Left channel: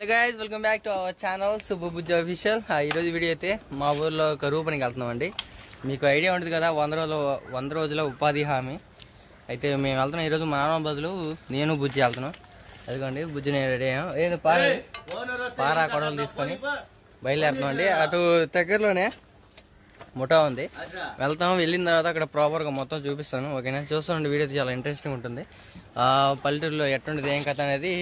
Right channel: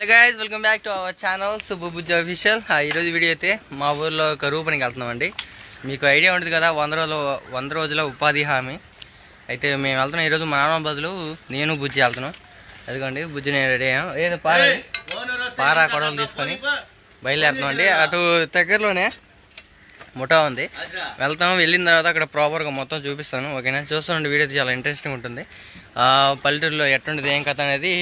Hello guys, welcome back to our channel Subbu Bujji official. ఈరోజు video అయితే మా ఊర్లో కరువు పనికి వెళ్తున్నామండి. మీకు ఐడియా ఉంటుంది కదా, 100 రోజుల ఉపాధి హామీ అయితే మేము వెళ్తున్నాం. ఈరోజు మా నాన్న బదులు నేను బుజ్జి వెళ్తున్నాం. అదిగోండి, బుజ్జి నేను రెడీ అయ్యాం. ఏదో పారా కొడవలు తీసుకొని బయలుదేరుతున్నాం అండి. అటు దగ్గరలోనే ముఠా ఉంది, వెళ్తాం. వెళ్ళిన తర్వాత అక్కడ ప్రాపర్గా మొత్తం చూపిస్తాను, ఓకేనా? చూస్తానండి, వీడియో చాలా ఇంట్రెస్టింగ్ ఉంటుంది. పల్లెటూరులో ఎట్టుంటుంది ఏం కథ అనేది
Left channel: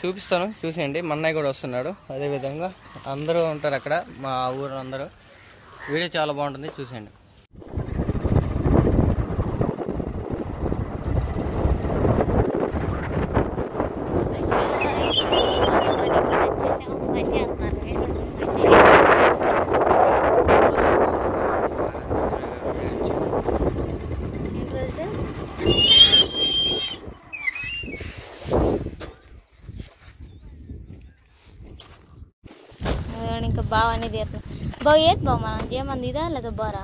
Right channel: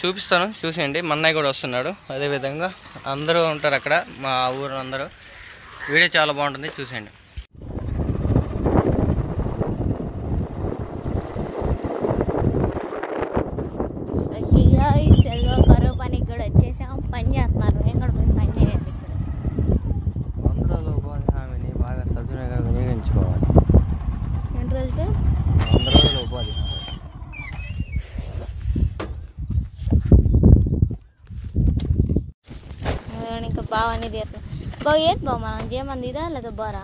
చూపిస్తాను, చూసేయండి. మా అన్నయ్య కూడా వస్తున్నాడు, అదేవిధంగా అందరూ ఉంటారు అక్కడ, మా ఊరు అందరూ. వీడియో చాలా బాగుంటుంది, చూసేయండి. ఇంకా బాగా అనేది బాగా ఏది బాగా మనం చేయమంది ఇదా లేదా బారా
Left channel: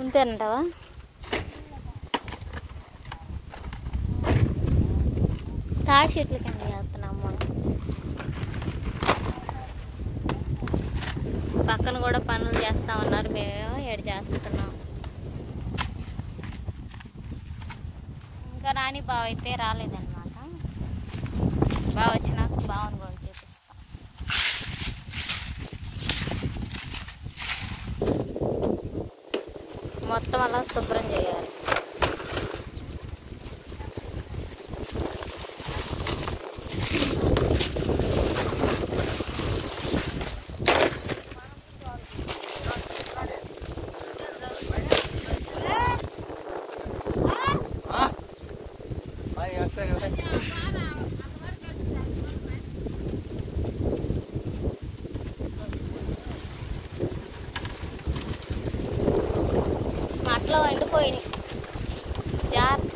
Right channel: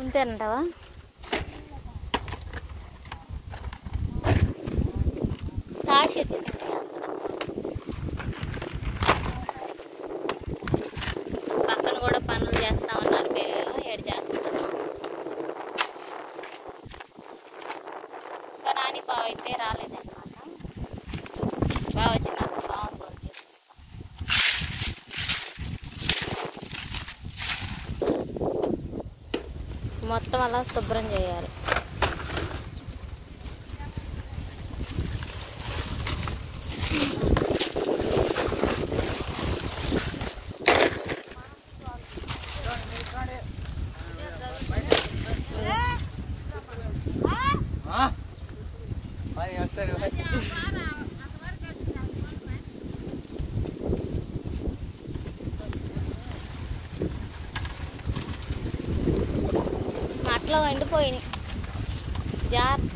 అంతేనంటావా? తాడి చెట్లు పక్కన కూడా పనులు చేస్తామన్నారు, మేము ఏడు చేస్తున్నాం. ఇంకా రాని బాగా అయితే రాలేదన్నమాట. బాగా వచ్చినాక బాగుంది కూడా చూపిస్తాం. మొత్తం అలా శుభ్రం చేయాలి. మట్లో ఎండిపోయింది, జాగ్రత్త.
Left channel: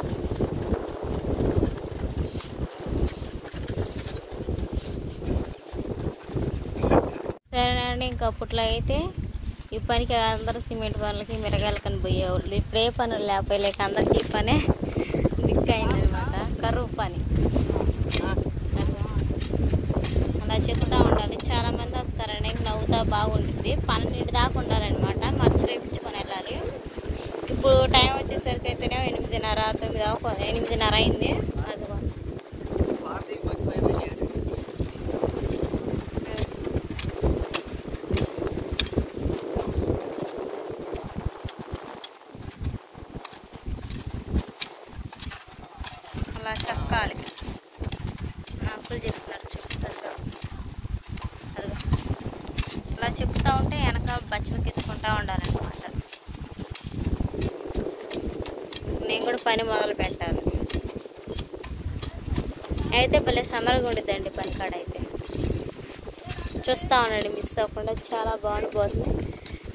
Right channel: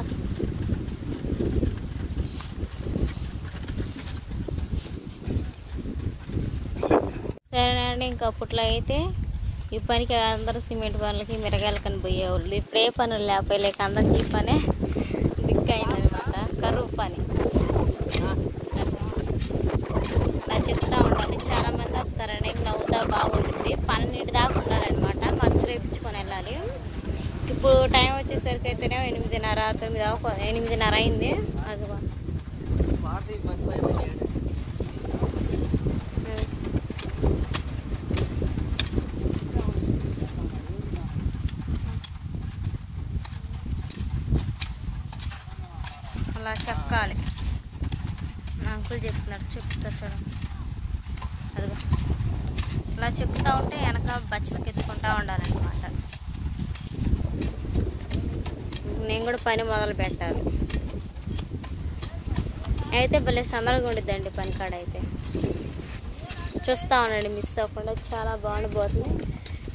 సరేనండి, ఇంకా అప్పట్లో అయితే ఈ పనికి అందరూ సిమెంట్ పనులకి మిరగాయలకని పోయేవాళ్ళు. ఇప్పుడు ఏ పనులు లేకపోలేక అందరికి ఈ పనే దిక్కయిందనమాట, కరువు పని. అలా చెప్తా ఉండాలి, చాలా మంది వస్తారండి. ఇంక నవ్వుతా బాగుంటుంది. 12 దాకా ఉండాలన్నమాట, మచ్చ రేపించుకొని వెళ్ళాలి. ఇప్పుడు టైం వచ్చేసరికి అయితేనే 8:30, 8:30 అయింది. అదిగో అలా చెక్కాలి. అంకుల్ చెప్తున్నారు, చూపిస్తారు చూడ. అదిగో అలా చెప్తా ఉంటే వెనక బచ్చలకి ఎత్తుకుంటా ఉండాలన్నమాట. నేను కూడా పని మొదలు పెట్టాలి. అయితే భలే సందర్గా ఉండిద్దండి పని కాడ అయితే. చూస్తూ ఉండండి, మిస్ అవ్వకుండా, చాలా బాగుండిపోతుంది.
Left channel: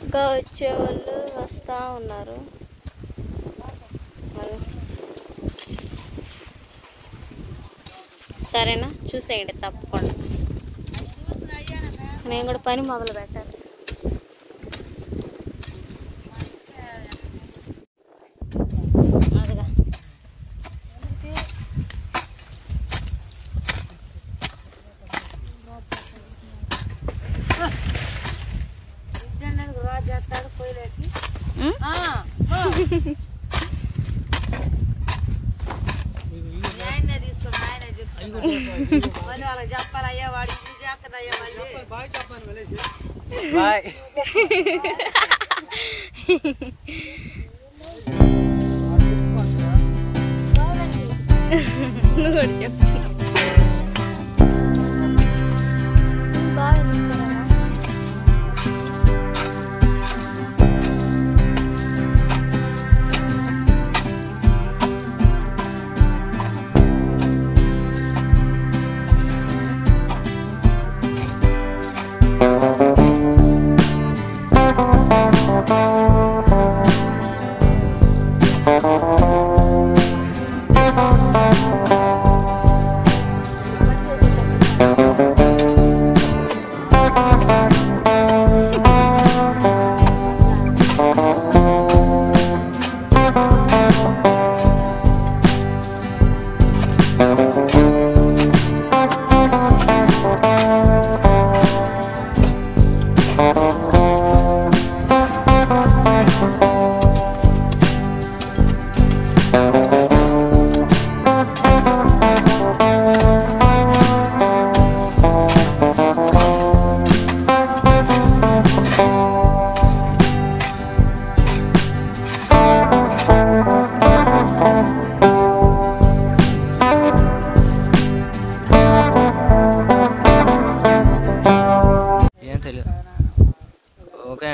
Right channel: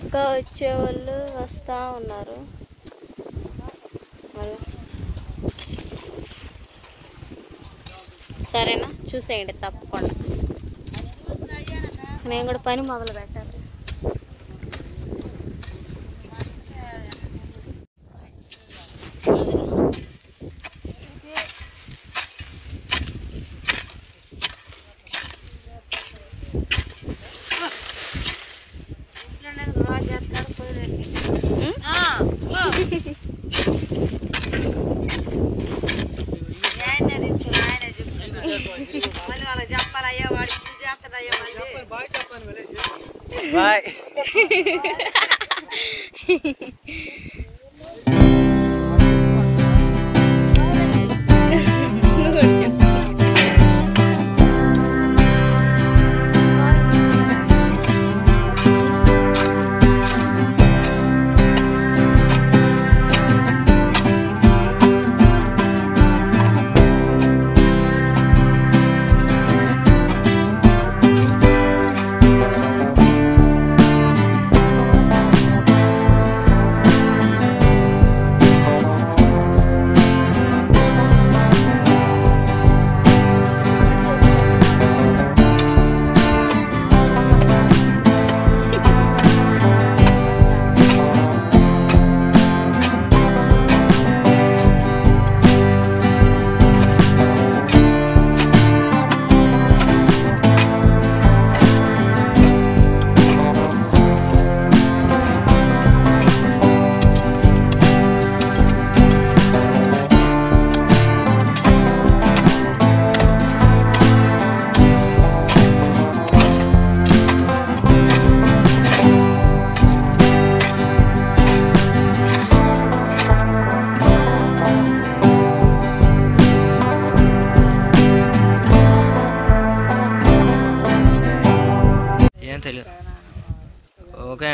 ఇంకా వచ్చేవాళ్ళు వస్తూ ఉన్నారు. సరేనా, చూసేయండి తప్పకుండా. నేను కూడా పని మొదలు పెట్టాలి. చెప్పాలయ్యా వాడి బాయ్.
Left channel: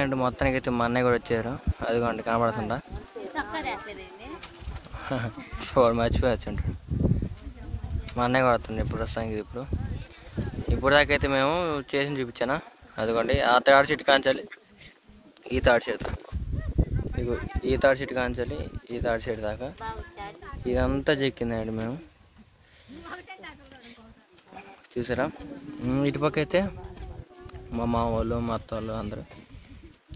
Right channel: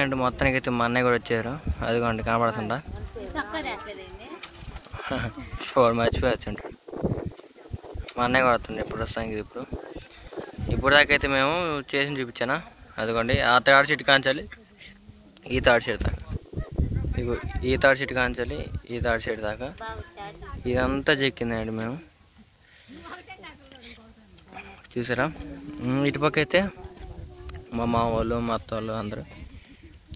అండ్ మొత్తానికి అయితే మా అన్నయ్య కూడా వచ్చారు. అదిగోండి కనబడుతుందా, మర్చిపోవచ్చు ఉంటాడు. మా అన్నయ్య కూడా వస్తుండే ఇప్పుడు ప్రస్తుతానికి. ఇప్పుడు దాకా అయితే మేము చేసి చూపించానా, అదిగోండి ఆ థర్డ్ సీట్ కాంచాలి ఈ థర్డ్ సీట్ దాకా, ఇగో ఈ థర్డ్ సీట్ కాంచాలి ఈ థర్డ్ సీట్ దాకా ఇదంతా చెక్కిందండి మేము. చూసారా, ఇటుపక్క అయితే మా మామ వాళ్ళు మా అత్త వాళ్ళు అందరూ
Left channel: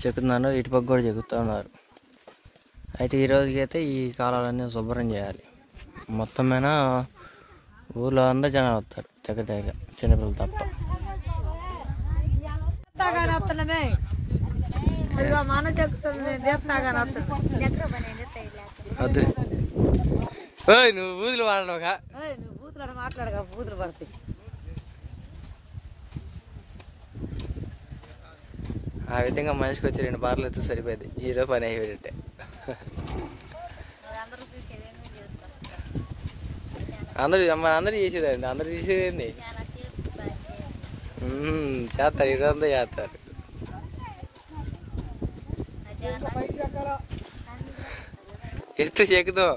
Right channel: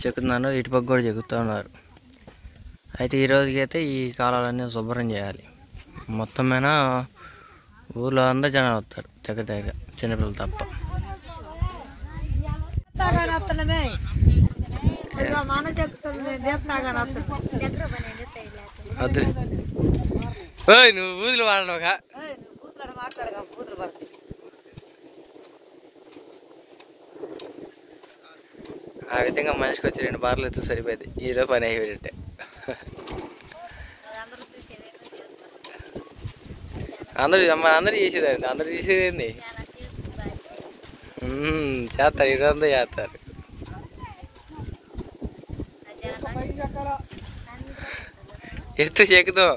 చెక్కుతున్నారు, ఇటుపక్క కూడా చెక్కుతూ ఉన్నారు. అయితే ఈరోజుకి అయితే ఈ కాలాలన్నీ శుభ్రం చేయాలి. మొత్తం మీద ఊళ్ళో అందరూ జనాలు వస్తారు దగ్గర చిన్నపిల్లలు తప్ప. వద్దు నువ్వు బూతులు వాడవుగా. ఆ విధంగా మనిషికి వచ్చి 2 బార్లు ఎత్తు సరిపోయింది. ఈరోజు పని అయిపోయినట్టే. అందరూ చేసేదండి, అందరూ చేసేది చేస్తారు, ఈరోజంతా చేస్తారు. ఎత్తు చెక్కుతాం.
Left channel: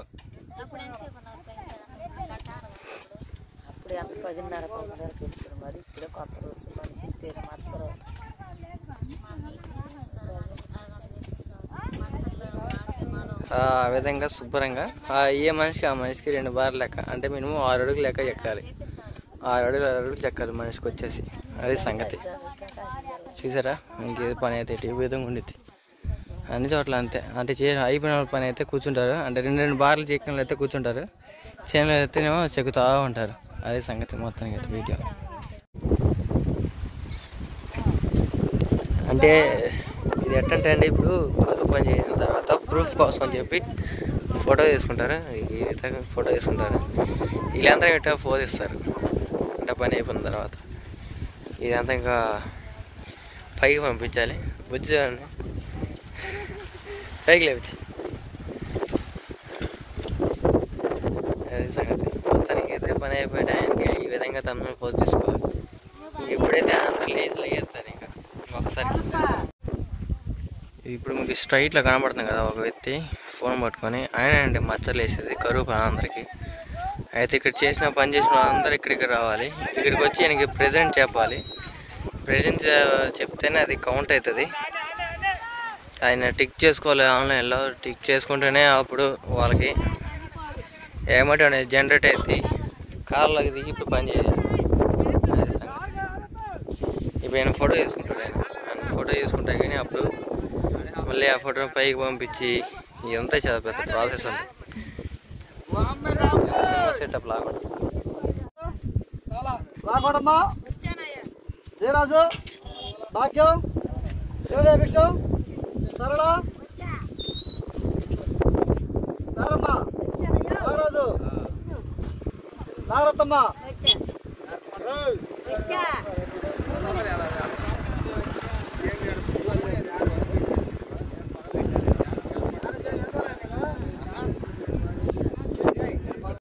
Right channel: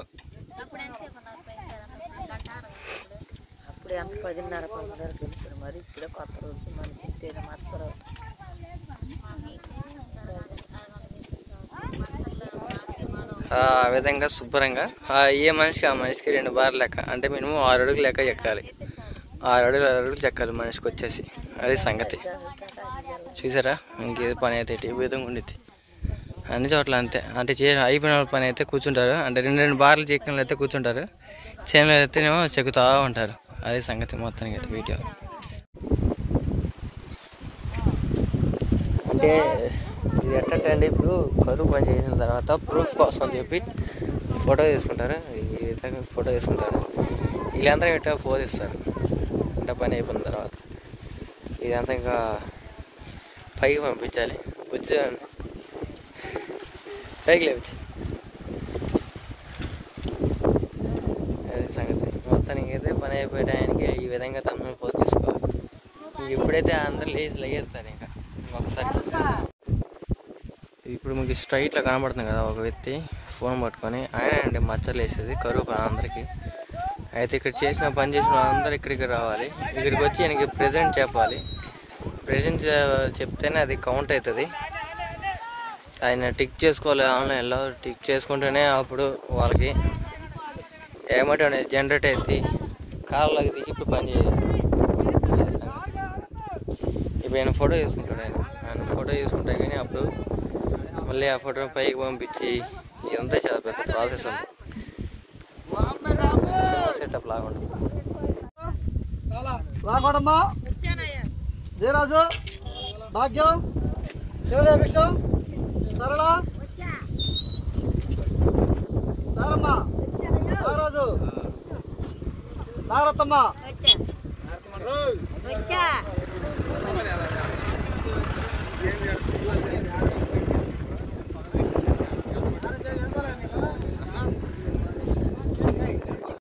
ఆ విధంగా శుభ్రంగా ఏ మనిషికి ఆ మనిషికి 2 బార్లు లెక్క, అంటే మినిమం 6 అడుగులు లెక్క చెక్కాలి. 6 అడుగులు చెక్కాలి మనిషికి వచ్చేసి. అది సంగతి. చూసారా, ఇంకేది పని అయితే ఈ విధంగా ఉండిద్ది అన్ని చోట్ల అంతే. అంటే అయిపోయిన పని అయితే కూర్చుంటారు, అంటే 2 బార్లు చెక్కిన అయితే కూర్చుంటారు, చేనులో అయితేనేమో చెక్కుతూ ఉంటారు. అది సంగతి మొత్తానికి అయితే వీడియో. అంటే ఇది ఎట్టంటే అండి, ఇప్పుడు కరువు పని చేసిన తర్వాత ప్రూఫ్ కోసం అని చెప్పి ఫోటో తీసుకుంటారు. ఈ విధంగా ఫోటో తీసుకుంటారు, వీళ్ళంతా ఇట్లా ఫోన్ ఇస్తారు. అంటే పని అయిపోయిన తర్వాత ఇదంతా ఇంకా పైకి పంపించాలి. బుజ్జి పైకి లేవచ్చు. అది సంగతి. మొత్తానికి అయితే పని అయిపోయే టైంకి ఈ విధంగా తమ పోస్ట్ తీసుకోవాలి. ఇప్పుడైతే అందరు లేచి లగేస్తారు. ఇంకా ఒకసారి ఇప్పుడు మీకు స్ట్రైట్లో కనబడుతుంది కదా ఒక వ్యక్తి ఫోన్ పట్టుకొని, ఆయన అండి మచ్చలు వేసేది కరువు పని అందరికీ. అయితే ఇక్కడ పని చేసిన వాళ్ళందరూ ఇక్కడికి రావాలి. ఇక్కడికి వచ్చి ఆయనకి ప్రెజెంట్ చెప్పాలి. ప్రెజెంట్ చెప్తేనే అది కౌంట్ అవుతుంది. ఆయన టిక్ చేసుకోవాలి, ఆన్లైన్లో టిక్ చేసుకుంటేనే అప్పుడు వాళ్ళకి ఏమంటే అనేది జనరేట్ అవుతుంది. కార్లోకి దిగి ఇప్పుడు పని చేయాలి. అది సంగతి. ఇప్పుడు ఆయన ఫోటో చేసుకుంటాడు. ఆయన ఫోటో చేసుకుంటే కానీ అప్పుడు మళ్ళీ ఆ ఫోటోని పైకి పంపించి ఇదంతా చాలా పెద్ద ప్రాసెస్ ఉంది. Cinema setup లాగుంటుంది. జయరాజు, భాగ్యం, శివదేభిక్ష, సరళ, నారమ్మ, నాగరాజు, నాగరత్తమ్మ,